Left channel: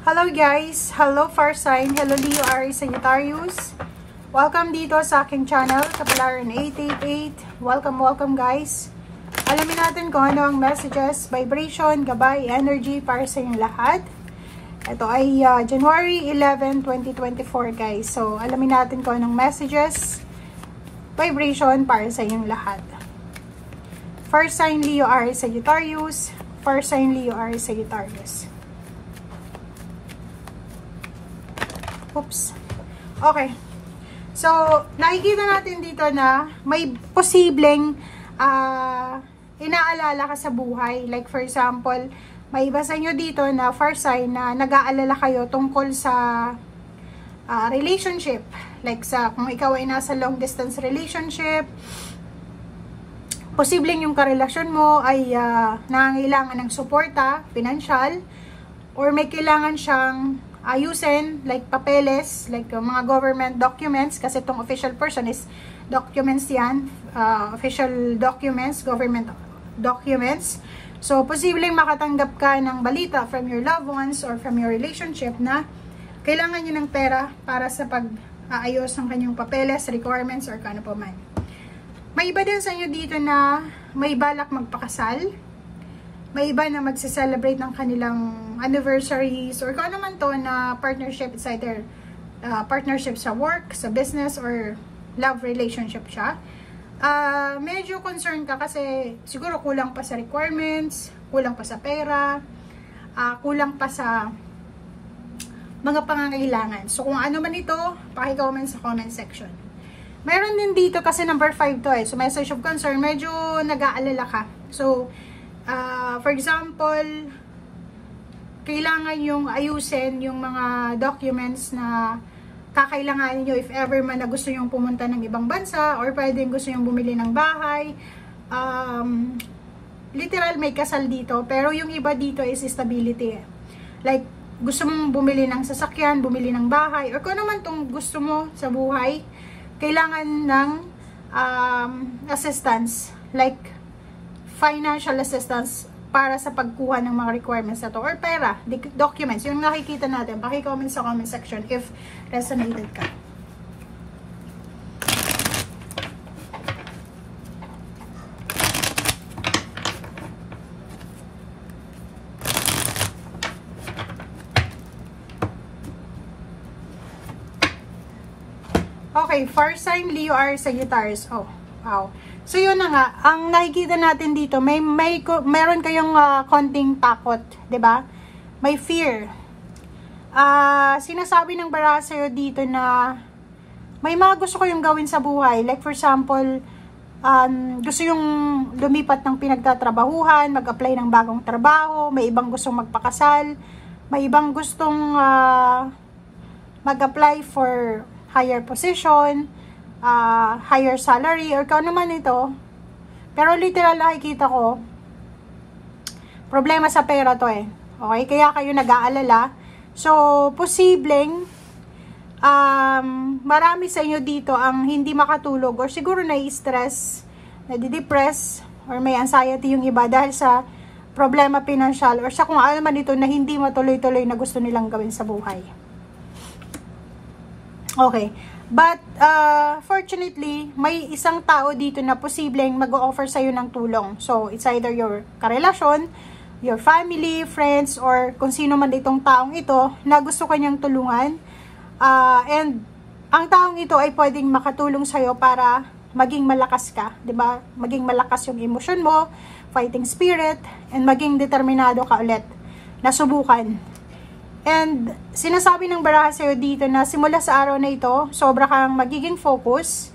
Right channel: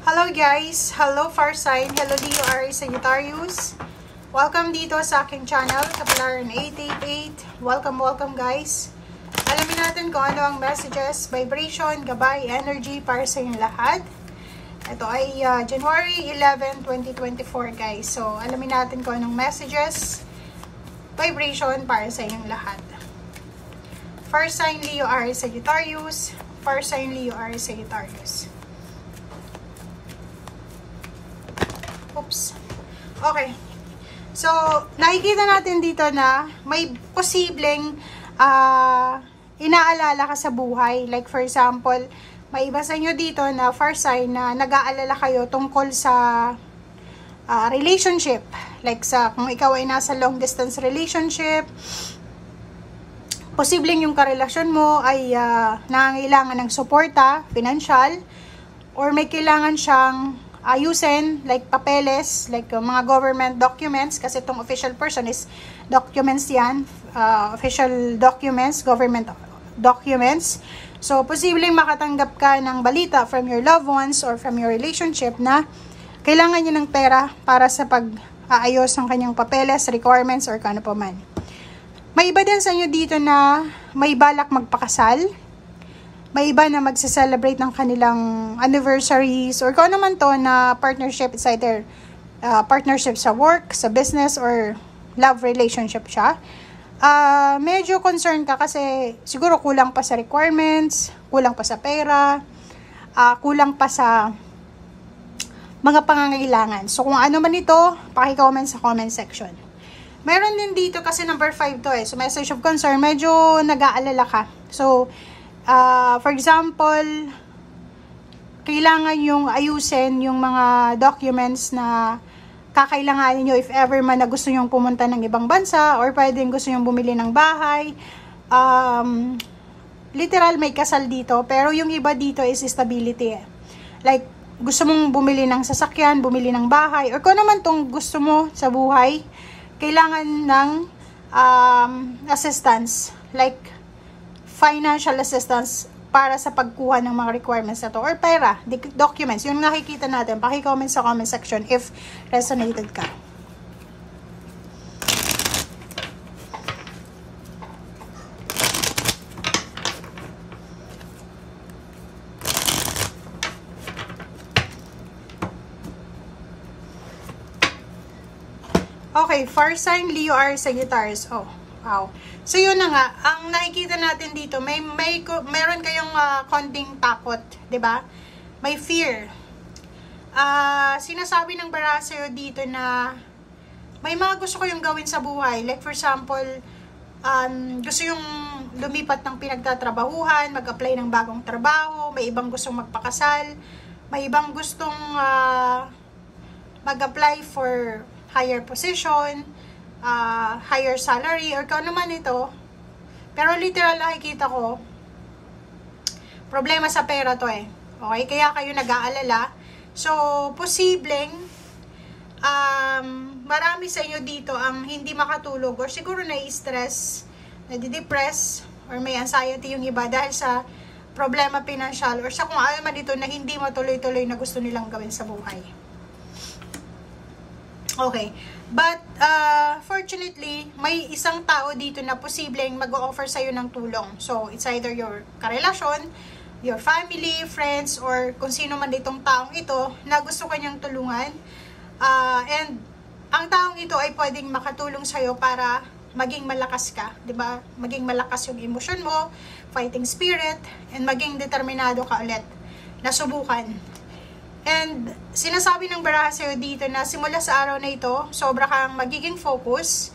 Hello guys! Hello Far Sign! Hello Leo, Aries, Sagittarius! Welcome dito sa aking channel, Kapalaran 888. Welcome guys! Alamin natin kung ano ang messages, vibration, gabay, energy para sa inyong lahat. Ito ay January 11, 2024 guys. So, alamin natin kung anong messages, vibration para sa inyong lahat. Far Sign Leo, Aries, Sagittarius. Far Sign Leo, Aries, Sagittarius. Oops. Okay. So, nakikita natin dito na may posibleng inaalala ka sa buhay. Like for example, may iba sa inyo dito na far sign na nag-aalala kayo tungkol sa relationship. Like kung ikaw ay nasa long distance relationship, posibleng yung karelasyon mo ay nangangailangan ng suporta, financial, or may kailangan siyang ayusin, like papeles, like mga government documents, kasi itong official person is documents yan, official documents, government documents. So, posibleng makatanggap ka ng balita from your loved ones or from your relationship na kailangan niya ng pera para sa pag-aayos ng kanyang papeles, requirements, or kano pa man. May iba din sa inyo dito na may balak magpakasal. May iba na magse-celebrate ng kanilang anniversaries or kung ano man to na partnership. It's either partnership sa work, sa business, or love relationship siya. Medyo concerned ka kasi siguro kulang pa sa requirements, kulang pa sa pera, kulang pa sa mga pangangailangan. So kung ano man ito, paki-comment sa comment section. Meron din dito kasi number 5 to So message of concern, medyo nag-aalala ka. So for example, kailangan yung ayusin yung mga documents na kakailanganin nyo if ever man na gusto nyong pumunta ng ibang bansa or pwedeng gusto nyong bumili ng bahay. Literal may kasal dito, pero yung iba dito is stability. Like, gusto mong bumili ng sasakyan, bumili ng bahay, or kung naman tong gusto mo sa buhay, kailangan ng assistance, like financial assistance para sa pagkuha ng mga requirements na to or pera, documents, yung nakikita natin, paki-comment sa comment section if resonated ka. Okay, far sign Leo, Aries, Sagittarius. Oh, wow. So yun na nga, ang nakikita natin dito, meron kayong konting takot, 'di ba? May fear. Sinasabi ng baraha sa'yo dito na may mga gusto kayong gawin sa buhay. Like for example, gusto yung lumipat ng pinagtatrabahuhan, mag-apply ng bagong trabaho, may ibang gustong magpakasal, may ibang gustong mag-apply for higher position, higher salary, or kung ano man ito. Pero literal nakikita ko, problema sa pera to Okay, kaya kayo nag-aalala. So, posibleng, marami sa inyo dito ang hindi makatulog, or siguro nai-stress, nadi-depress, or may anxiety yung iba dahil sa problema financial, or sa kung ano man ito na hindi matuloy-tuloy na gusto nilang gawin sa buhay. Okay. But, fortunately, may isang tao dito na posibleng mag-o-offer sa'yo ng tulong. So, it's either your karelasyon, your family, friends, or kung sino man itong taong ito na gusto kanyang tulungan. And, ang taong ito ay pwedeng makatulong sa'yo para maging malakas ka. 'Di ba? Maging malakas yung emosyon mo, fighting spirit, and maging determinado ka ulit na subukan. And sinasabi ng baraha sa'yo dito na simula sa araw na ito, sobra kang magiging focus,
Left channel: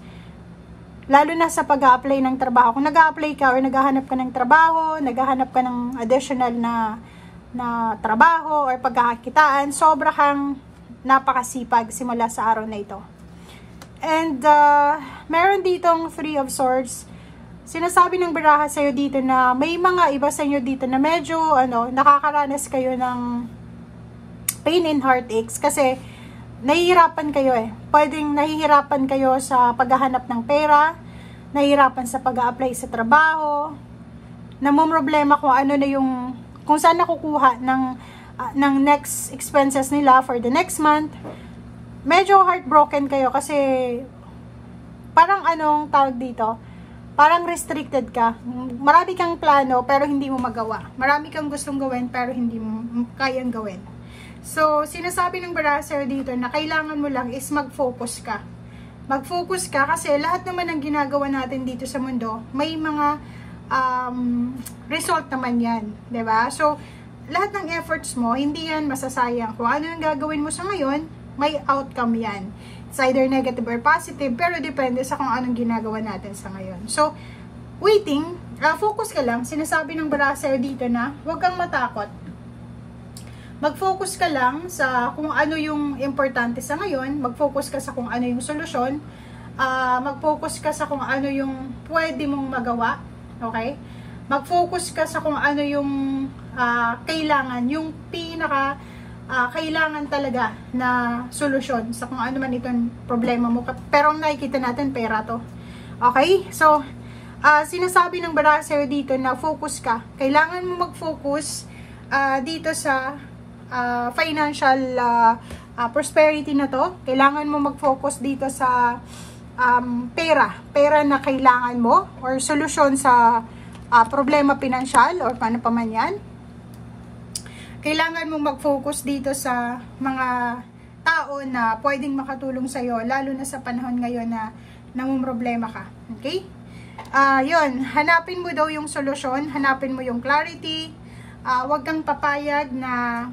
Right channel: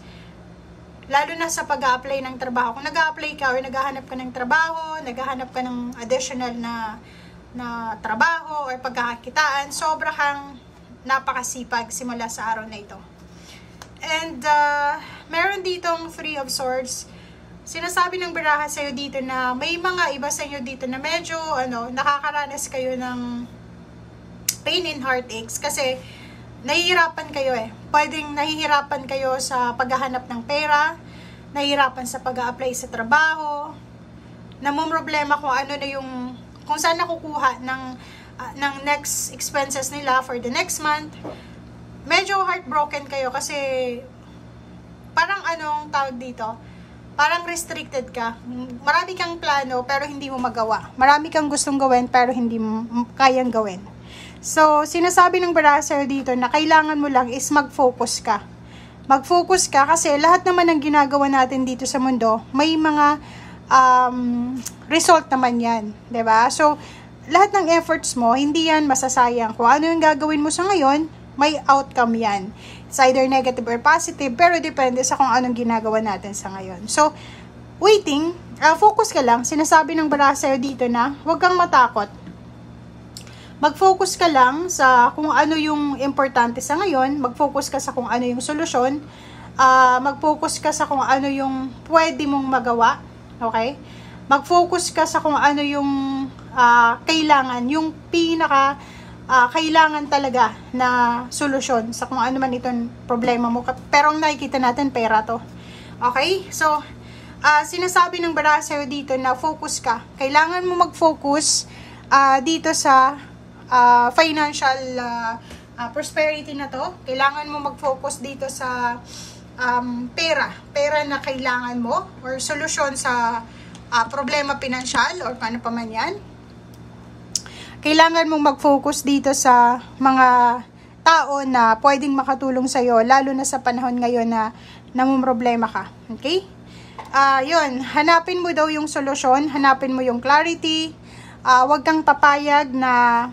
lalo na sa pag-a-apply ng trabaho. Kung nag-a-apply ka or naghahanap ka ng trabaho, naghahanap ka ng additional na trabaho or pagkakakitaan, sobra kang napakasipag simula sa araw na ito. And meron ditong Three of Swords. Sinasabi ng baraha sa'yo dito na may mga iba sa inyo dito na medyo nakakaranas kayo ng pain and heartaches kasi nahihirapan kayo Pwedeng nahihirapan kayo sa paghahanap ng pera, nahihirapan sa pag-a-apply sa trabaho, namumroblema kung ano na yung, kung saan nakukuha ng ng next expenses nila for the next month, medyo heartbroken kayo kasi parang anong tawag dito, parang restricted ka. Marami kang plano pero hindi mo magawa. Marami kang gustong gawin pero hindi mo kayang gawin. So, sinasabi ng baraha dito na kailangan mo lang is mag-focus ka. Mag-focus ka kasi lahat naman ng ginagawa natin dito sa mundo, may mga result naman yan. 'Di ba? So, lahat ng efforts mo, hindi yan masasayang. Kung ano yung gagawin mo sa ngayon, may outcome yan. It's either negative or positive, pero depende sa kung anong ginagawa natin sa ngayon. So, waiting, focus ka lang. Sinasabi ng baraha sa'yo dito na huwag kang matakot. Mag-focus ka lang sa kung ano yung importante sa ngayon. Mag-focus ka sa kung ano yung solusyon. Mag-focus ka sa kung ano yung pwede mong magawa. Okay? Mag-focus ka sa kung ano yung kailangan, yung pinaka kailangan talaga na solusyon sa kung ano man itong problema mo. Pero ang nakikita natin, pera to. Okay? So, sinasabi ng baraha sa'yo dito na focus ka. Kailangan mo mag-focus dito sa financial prosperity na to. Kailangan mo mag-focus dito sa pera na kailangan mo or solusyon sa problema pinansyal or paano pa man yan. Kailangan mong mag-focus dito sa mga tao na pwedeng makatulong sa'yo, lalo na sa panahon ngayon na namumroblema ka. Okay? Yun, hanapin mo daw yung solusyon, hanapin mo yung clarity, huwag kang papayag na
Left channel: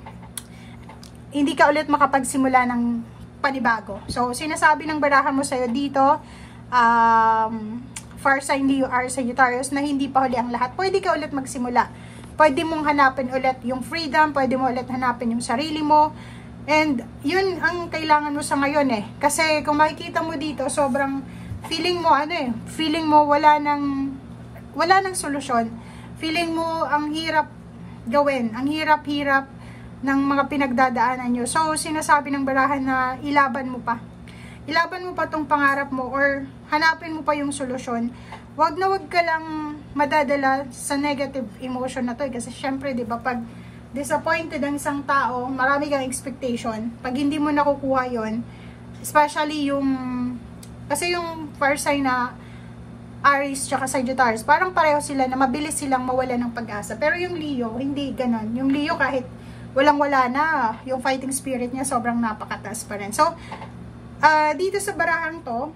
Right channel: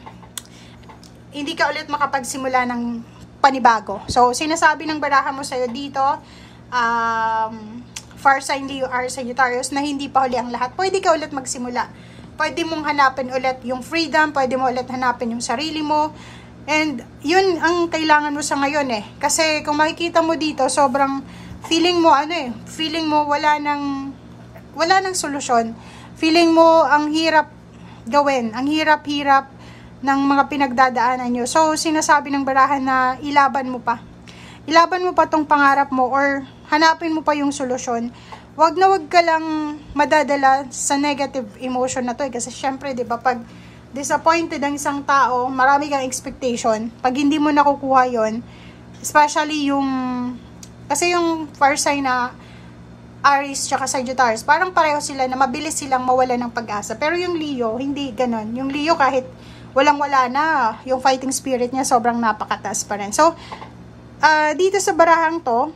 hindi ka ulit makapagsimula ng panibago. So, sinasabi ng baraha mo sa'yo dito, far sign Leo are Sagittarius, na hindi pa huli ang lahat. Pwede ka ulit magsimula. Pwede mong hanapin ulit yung freedom, pwede mo ulit hanapin yung sarili mo. And yun ang kailangan mo sa ngayon eh. Kasi kung makikita mo dito, sobrang feeling mo feeling mo wala nang solusyon. Feeling mo ang hirap gawin, ang hirap-hirap ng mga pinagdadaanan nyo. So, sinasabi ng baraha na ilaban mo pa. Ilaban mo pa tong pangarap mo or hanapin mo pa yung solusyon. Wag ka lang madadala sa negative emotion na to kasi syempre, 'di ba, pag disappointed ang isang tao, marami kang expectation. Pag hindi mo nakukuha 'yon, especially kasi yung fire sign na Aries tsaka Sagittarius, parang pareho sila na mabilis silang mawala ng pag-asa. Pero yung Leo, hindi ganon. Yung Leo kahit walang-wala na, yung fighting spirit niya sobrang napakataas pa rin. So, dito sa barahang to,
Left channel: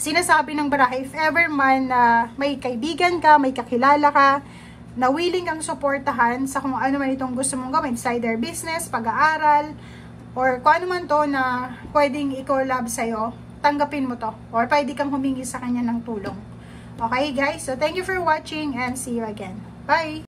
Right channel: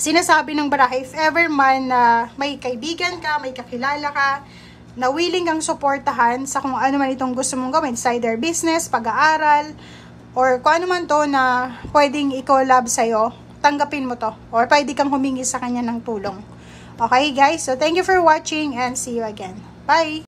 sinasabi ng baraha, if ever man may kaibigan ka, may kakilala ka, na willing kang suportahan sa kung ano man itong gusto mong gawin, it's either business, pag-aaral, or kung ano man to na pwedeng i-collab sa'yo, tanggapin mo to. Or pwede kang humingi sa kanya ng tulong. Okay guys, so thank you for watching and see you again. Bye!